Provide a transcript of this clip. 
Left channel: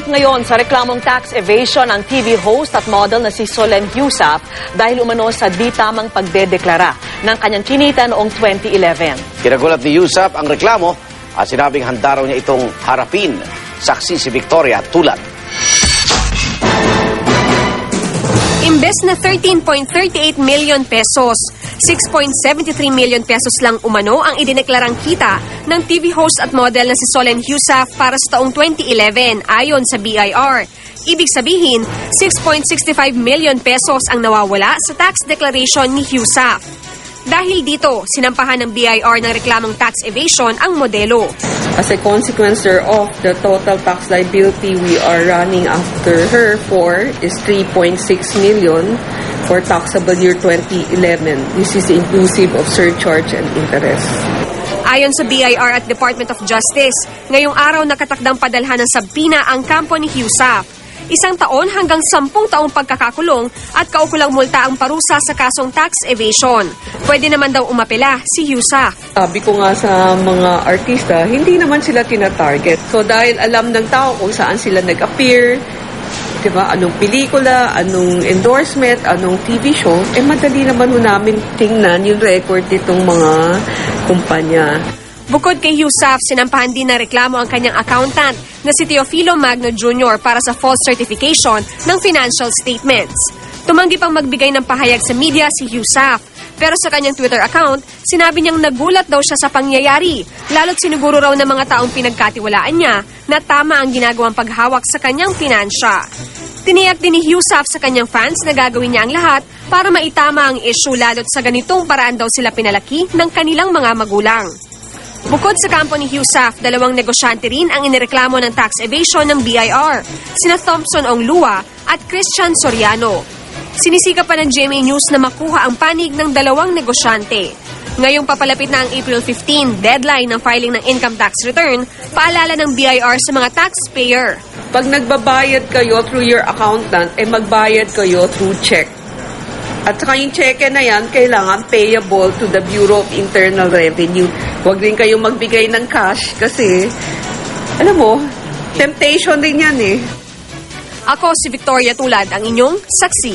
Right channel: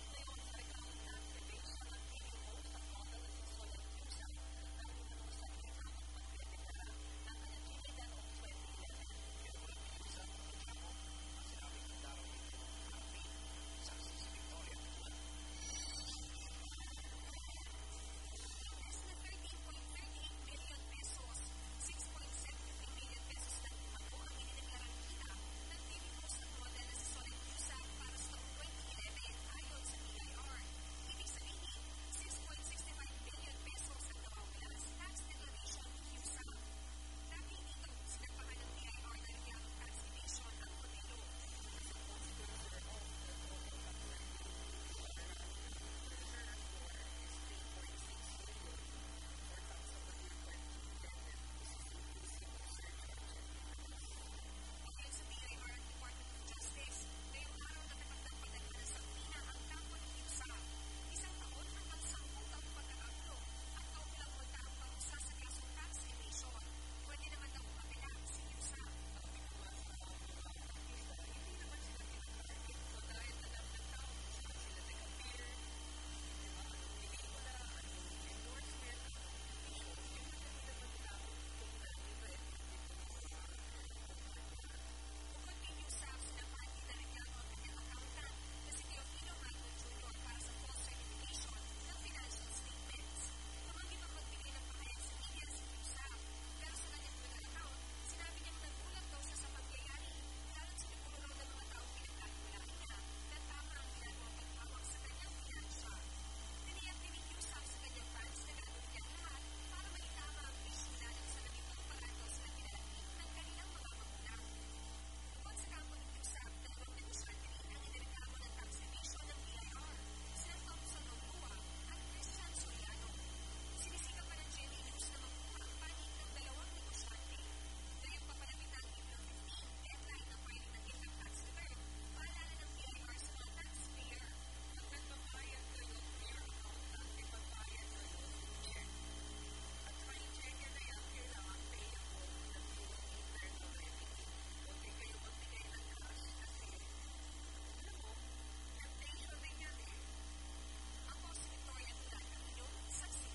Humarap ngayon sa reklamong tax evasion ang TV host at model na si Solen Heussaff dahil umano sa di tamang pagdedeklara ng kanyang kinita noong 2011. Kinagulat ni Heussaff ang reklamo at sinabing handa raw niya itong harapin. Saksi si Victoria Tulad. Imbes na 13.38 million pesos, 6.73 million pesos lang umano ang idineklarang kita ng TV host at model na si Solen Heussaff para sa taong 2011 ayon sa BIR. Ibig sabihin, 6.65 million pesos ang nawawala sa tax declaration ni Heussaff. Dahil dito, sinampahan ng BIR ng reklamong tax evasion ang modelo. As a consequence thereof, the total tax liability we are running after her for is 3.6 million for taxable year 2011. This is inclusive of surcharge and interest. Ayon sa BIR at Department of Justice, ngayong araw nakatakdang padalhan ng sabpina ang kampo ni Heussaff. 1 taon hanggang 10 taong pagkakakulong at kaukulang multa ang parusa sa kasong tax evasion. Pwede naman daw umapela si Heussaff. Sabi ko nga sa mga artista, hindi naman sila tina-target. So dahil alam ng tao kung saan sila nag-appear, diba, anong pelikula, anong endorsement, anong TV show, madali naman namin tingnan yung record nitong mga kumpanya. Bukod kay Heussaff, sinampahan din na reklamo ang kanyang accountant na si Teofilo Magno Jr. para sa false certification ng financial statements. Tumanggi pang magbigay ng pahayag sa media si Heussaff. Pero sa kanyang Twitter account, sinabi niyang nagulat daw siya sa pangyayari, lalo't siniguro raw ng mga taong pinagkatiwalaan niya na tama ang ginagawang paghawak sa kanyang pinansya. Tiniyak din ni Heussaff sa kanyang fans na gagawin niya ang lahat para maitama ang issue, lalo't sa ganitong paraan daw sila pinalaki ng kanilang mga magulang. Bukod sa kampo ni Heussaff, 2 negosyante rin ang inireklamo ng tax evasion ng BIR, sina Thompson Onglua at Christian Soriano. Sinisika pa ng GMA News na makuha ang panig ng 2 negosyante. Ngayong papalapit na ang April 15, deadline ng filing ng income tax return, paalala ng BIR sa mga taxpayer. Pag nagbabayad kayo through your accountant, magbayad kayo through check. At saka yung cheque na yan, kailangan payable to the Bureau of Internal Revenue. Huwag din kayong magbigay ng cash kasi, alam mo, temptation din yan eh. Ako si Victoria Tulad, ang inyong saksi.